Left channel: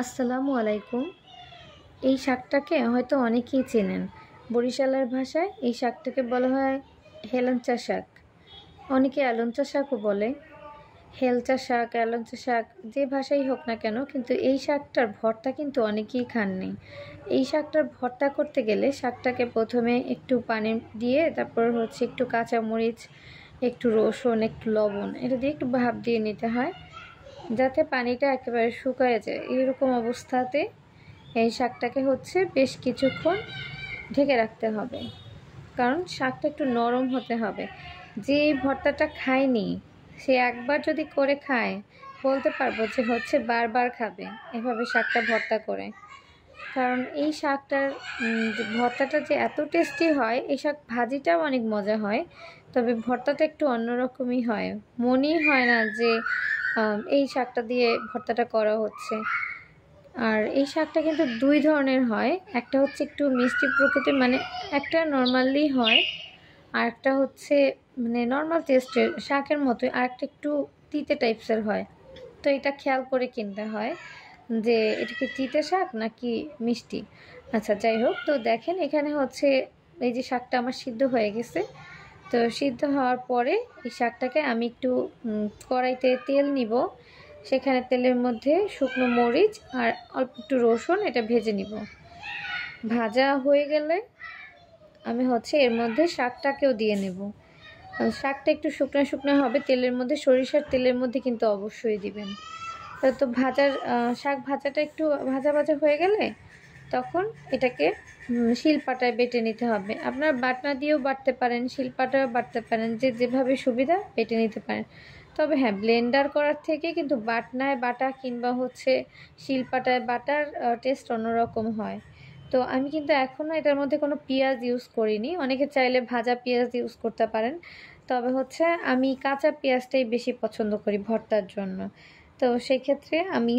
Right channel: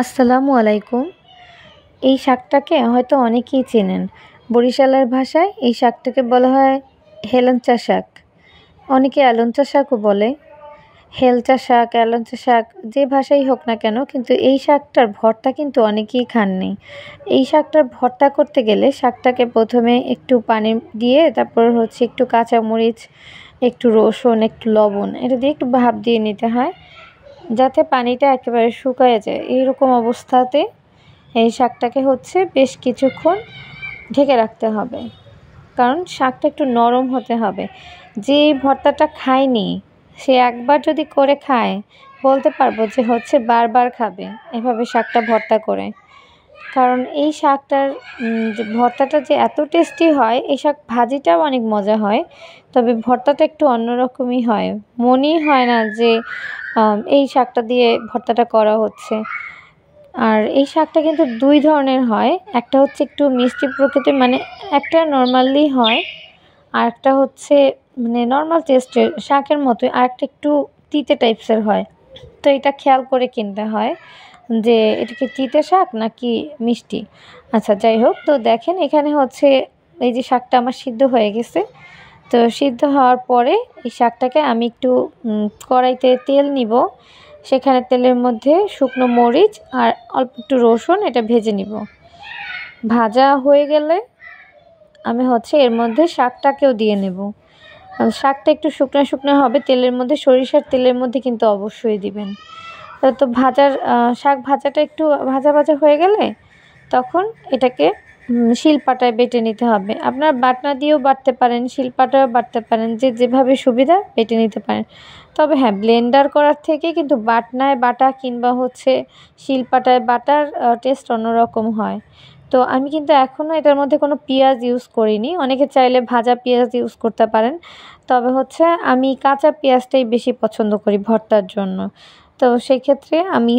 আসসালামু আলাইকুম। এই শাকটাকে হয়তো অনেকেই চেনেন। বরিশালের ভাষায় এই শাকটাকে বলা হয় হেলেঞ্চা শাক। অনেকে এলঞ্চা শাকও বলে। হেলচা শাক, এলঞ্চা শাক যে ভাষাই হোক না কেন, কিন্তু এই শাকটার ভর্তা কিন্তু অনেকেই খাননি। এই শাকটার ভর্তা করতে গেলে শাকটাকে প্রথমে একটু পানি দিয়ে, তারপর একটু কাঁচামরিচ, একটু রসুন, একটু লবণ এটা দিয়ে একটু ভাপ দিয়ে নিতে হয়, যাতে পানিটা একেবারে শুকায় যায়। এইরকম অবস্থাতে এই শাকটাকে বেশ কিছুক্ষণ ঢেকে রাখতে হবে, কারণ শাকটা একটু নরম হতে হবে। যে এই ভর্তাটা খায়নি সে একবার যদি করে খায়, বলতে পারবো যে বারবার খাবে এভাবে শাকটা ভর্তা করে। কারণ এই শাকটার যে ভর্তাটা যে এত টেস্টি হয়, এই শাক ভাজিটাও অনেক মজা হয়, তবে ভর্তাটা একটু অন্যরকমই হয়। মনেই হয় না যে এই শাকটা দিয়ে ভর্তাটা করা হচ্ছে। আর এই শাকটা কিন্তু দুই ধরনের হয়, একটা একটু মিষ্টি প্রকৃতির, মানে একটা নর্মালি হয়, আর একটা মানে নর্মাল টেস্টের শাকের মতোই, আর একটা একটু তিতে টাইপসের হয়। তো এটা খেয়াল করে কিনতে হয় যে এটা কি তিতে শাক নাকি মিষ্টি। আচ্ছা, যাই হোক, তো দেখেন এখানে এই যে শাকটা আমার সিদ্ধ হয়ে গেছে। তো সিদ্ধ হওয়ার পরে এই শাকটাকে আমি একটু কড়াইতে তেল নিব, সেখানে তেলের মধ্যে শুকনো মরিচ আর অল্প একটু রসুন এটা ভেজে নিব। ভাজা হয়ে গেলে আমি এর মধ্যে শাকটাকেও দিয়ে নেব। শাকটা একটু শুকনো শুকনো হবে তেলের মধ্যে, সরিষার তেলের মধ্যে কিন্তু অবশ্যই দিবেন। তো শাক ভাজাটা একটু ভাজা ভাজা হয়ে গেলে তখন এটাকে শিলপাটায় বেটে নিতে হবে। আপনারা বাটনা দিয়েও বাটতে পারেন, শিলপাটায়ও বাটতে পারেন, যে যেভাবে সুবিধা বেটে নিতে পারেন। তবে হ্যাঁ, ব্লেন্ডার করার থেকে কিন্তু বাটনায় বাটা কিংবা শিলপাটায় বাটার টেস্ট অন্যরকম হয়। তো আমি কিন্তু এখনও এটার মধ্যে কোনো পেঁয়াজ ইউজ করিনি। অনেকে চাইলে ভাজা পেঁয়াজ ইউজ করতে পারেন, তবে আমি কাঁচা পেঁয়াজটাই বেশি পছন্দ করি ভর্তার জন্য। তো সেক্ষেত্রে আমি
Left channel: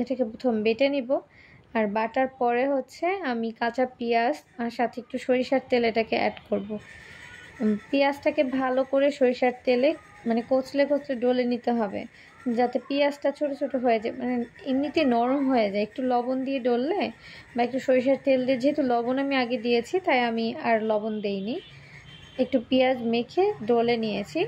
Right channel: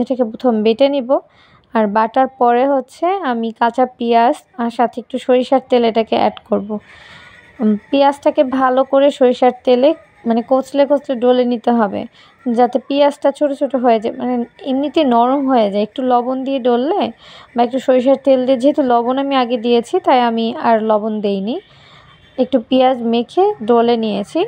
এটাকে প্রথম বেটে নিব, আর বাটার পরে আমি কাঁচা পেঁয়াজ আর সাথে একটু সরিষার তেল এটাকে অ্যাড করব। পেঁয়াজটাকে ভালো করে সরিষার তেলে মানে কচলে কচলে ডলে নিতে হবে, যাতে পেঁয়াজটা ছোট ছোট হয়ে যায়, মানে এমনিতে নরম হয়ে যায়। একটু লবণ দিয়ে ডললে বা একটু সরিষার তেল দিয়ে, যেহেতু লবণ আমি আগে দিয়েছি তাই আমি আর লবণ দেইনি, একটু পেঁয়াজ মেখে ডলে নিয়েছি।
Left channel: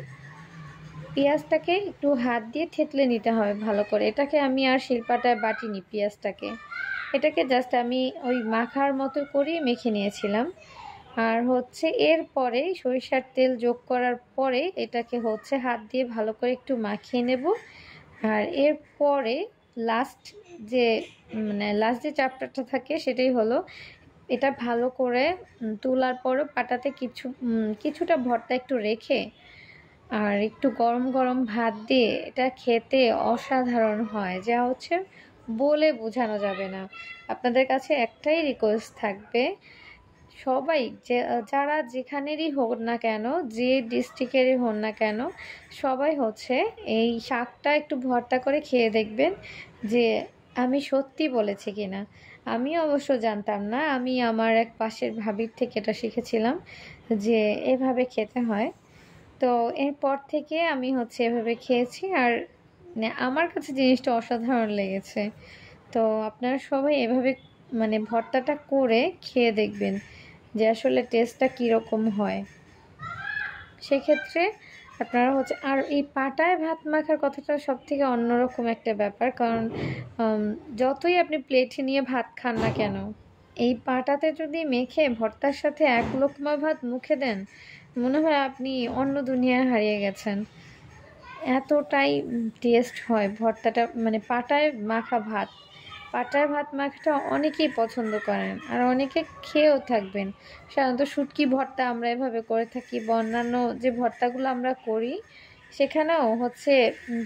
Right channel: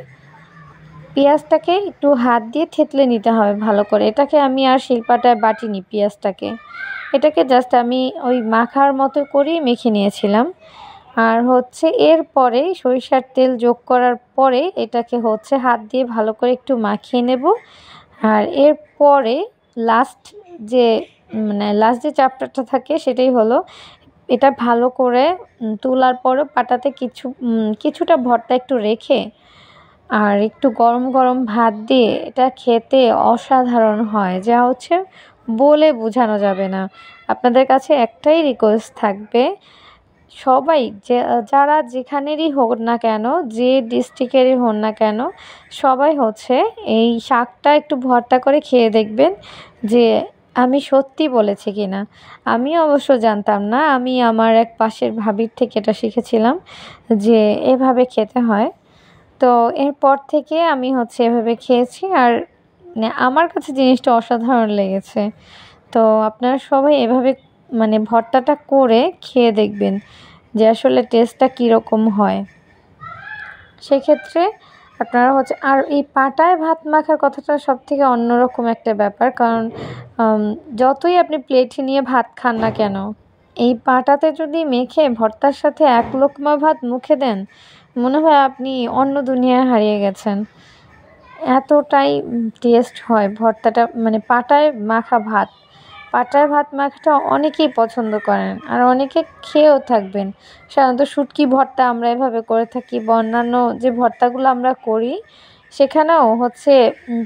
পেঁয়াজটাকে একটু হাত দিয়ে থেতলে নিতে হবে ভালো করে। এটাকে আমি আর শিলপাটায় বাটিনি পেঁয়াজটাকে, এটাকে জাস্ট আমি ওই মাখার মতো করেই মেখে নিয়েছিলাম। আর এরপরে সরিষার তেল যোগ করার পরে এটাকে হাত দিয়ে ভালো করে একটু মাখিয়ে নেব। আর এরপরে লাস্ট যে লাস্ট যে চ্যাপ্টারটা থাকে সেটাই হলো, এটা ভালো করে তোলার পরও পাটাতে কিছুটা ভর্তা একটু রেখে আর একটু গরম গরম ভাত দিয়ে এটা খেতে অসাধারণ হয়, যা বলে বোঝানো যাবে না। আপনাদের কাছে একটাই রিকোয়েস্ট থাকবে, সবাই যারা যেখানেরই হোক না কেন, যে ডিস্ট্রিক্টেরই হন না কেন, সবাই এই শাকটা একটু ভর্তা করে খেয়ে দেখবেন যে আমি সত্যি বলেছি কিনা। আমি অবশ্য জানতাম না, আমি আমার এক পাশের ভাবির থেকে এটা শিখেছিলাম যে এভাবে খেতে হয়। তো এরপর থেকে আমি এভাবে খেয়েছি, আর আমার কাছে জিনিসটা অসাধারণ লেগেছে। তো আপনারা সবাই এভাবে ভর্তাটা করে খেয়ে দেখবেন যে আসলে টেস্টটা কীরকম হয়। সেক্ষেত্রে আপনারা আর এই পাটায় ভাত মাখার কথাটা সবথেকে অন্যরকম একটা ব্যাপার, কারণ যতই আপনি প্লেটে নিয়ে ভাত খান না কেন, এই পাটাতে যদি মেখে ভর্তার সাথে এক লোকমা ভাত মুখে দেন, মনে হয় আপনি অন্য দুনিয়ায় হারিয়ে গেছেন। এতটাই টেস্ট হয় ভর্তাটা, পাটায় মাখা ভাত। পাটায় ভাত মাখাটা অনেকেই পছন্দ করেন, আর অনেকে খেয়েও থাকবেন। সাধারণত শুটকি ভর্তা আমরা এভাবে করে থাকি, বা অন্যান্য যে ভর্তাগুলো আমরা করি সেখানেও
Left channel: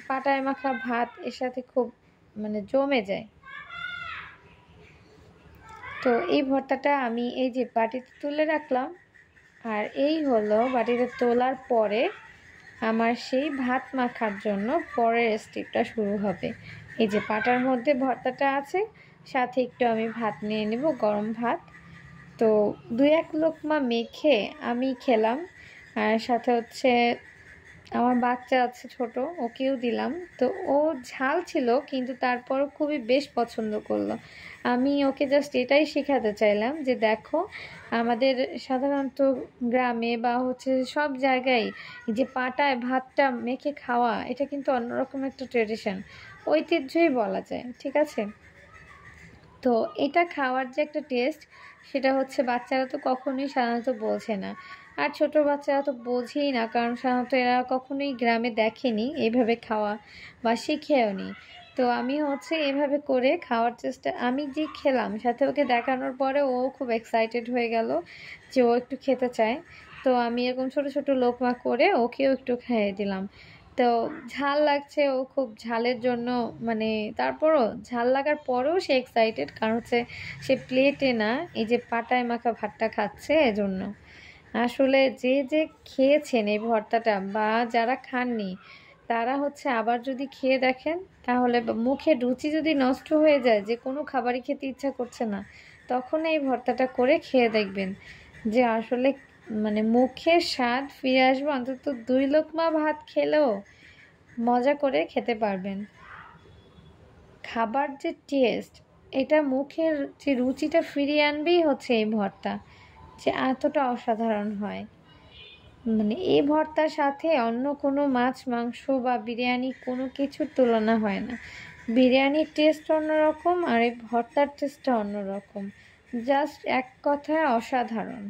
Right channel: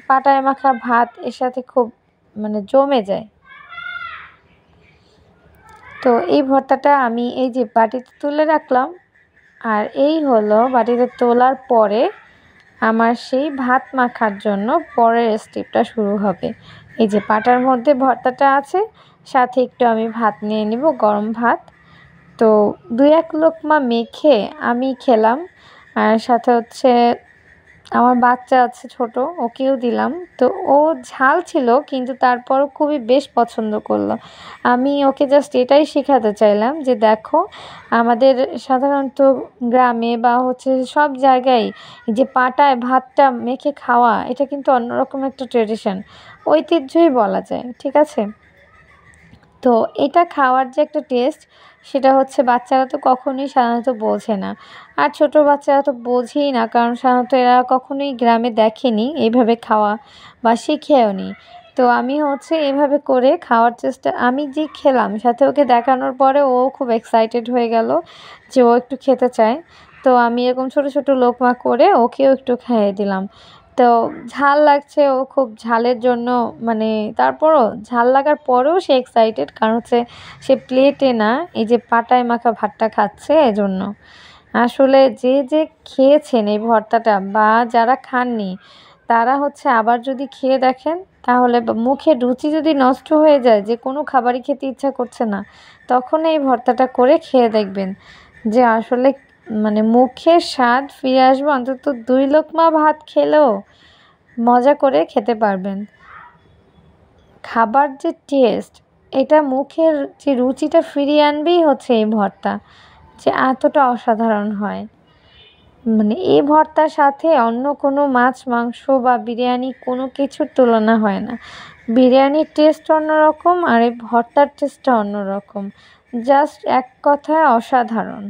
পাটায় মাখা ভাত এর সাথে খুব জমে যায়। তো এই ভর্তাটা আমি এই যে বাটিতে তুলে রাখলাম, আর এই হলো বাটিতে তোলার পরে আমার সেই ভাত মাখার জন্য পরের স্টেপটা শুরু হবে। এই যে পাটার মধ্যে ভর্তাটা আছে, সাথে একটু আমি ভাত নিয়ে নেব, গরম ভাত। তো 2-1 লোকমা মেখে আমি খেলাম, আর সাথে আমার বাচ্চা আছে ছোট, ওকেও দিলাম। তো ও ঝাল ছিল কিন্তু তারপরও খুবই বেশ পছন্দ করলো। আমি ওকে জাস্ট এটাই শেখাতে চাইলাম যে দেখো, আমাদের সাধারণত গ্রামে বা হচ্ছে সব জায়গায় এই যে পাটায় ভাতটা মেখে খাওয়া, এটা কিন্তু অন্যরকম একটা ট্রেডিশন, ঐতিহ্যই বলা যায়। ঠিক আছে? তো এটা খাওয়ার যে একটা টেস্ট, সেটা হচ্ছে বাচ্চারা তো কখনোই সাধারণত বোঝে না। আর ছোট বাচ্চারা তো বোঝেই না, কারণ সাধারণত এরা কখনোই গ্রামে দেখেনি এইভাবে খাওয়া বা শিখেও নি। তো আমি হচ্ছে এভাবে করে খাওয়ার চেষ্টা, আমি যে খেলাম সাথে ওকে দেখানোর পরে ও খুব এক্সাইটেড হয়ে গেল যে ও একটু খেতে চায়। তো আমি এরকম ছোট ছোট লোকমা করে ওকেও একটু খাইয়ে দিলাম। তো ঝাল লাগছে, ও খুব ঝালের জন্য মানে, তারপরও ঝাল লাগার পরেও সে এক্সাইটেড, কারণ হচ্ছে সে প্লেটে না, এই যে পাটায় মাখা ভাতটা খাচ্ছে এজন্য। আসলে যে যে খেয়েছেন এই ভর্তাটা বা যারা খাননি, তারা হচ্ছে আবার যদি খেয়ে দেখেন, তাহলে মুখের রুচি যদি নষ্ট হয়ে যায়, যে কোনো খাবারই খেতে ইচ্ছা করছে না, তখন এই ভর্তাটা করে খেয়ে দেখবেন যে আসলে মানে মুখের স্বাদ ফিরে আসবে। অন্তত 2 লোকমা ভাত খেলেও মজা করে খেতে পারবেন। খাবার যে টেস্ট, এটা মুখের যে রুচিটা ফিরিয়ে আনবেই হচ্ছে এই ভর্তা, যে এতটা অসাধারণ হয়। মানে এই ভর্তার সাথে অন্য কোনো মাছ মাংস বা বিরিয়ানি কোনো কিছুর তুলনা হয় না। বিরিয়ানির টেস্ট অন্যরকম আর এই ভর্তার টেস্টটা অন্যরকম। জাস্ট এক কথায় অসাধারণ।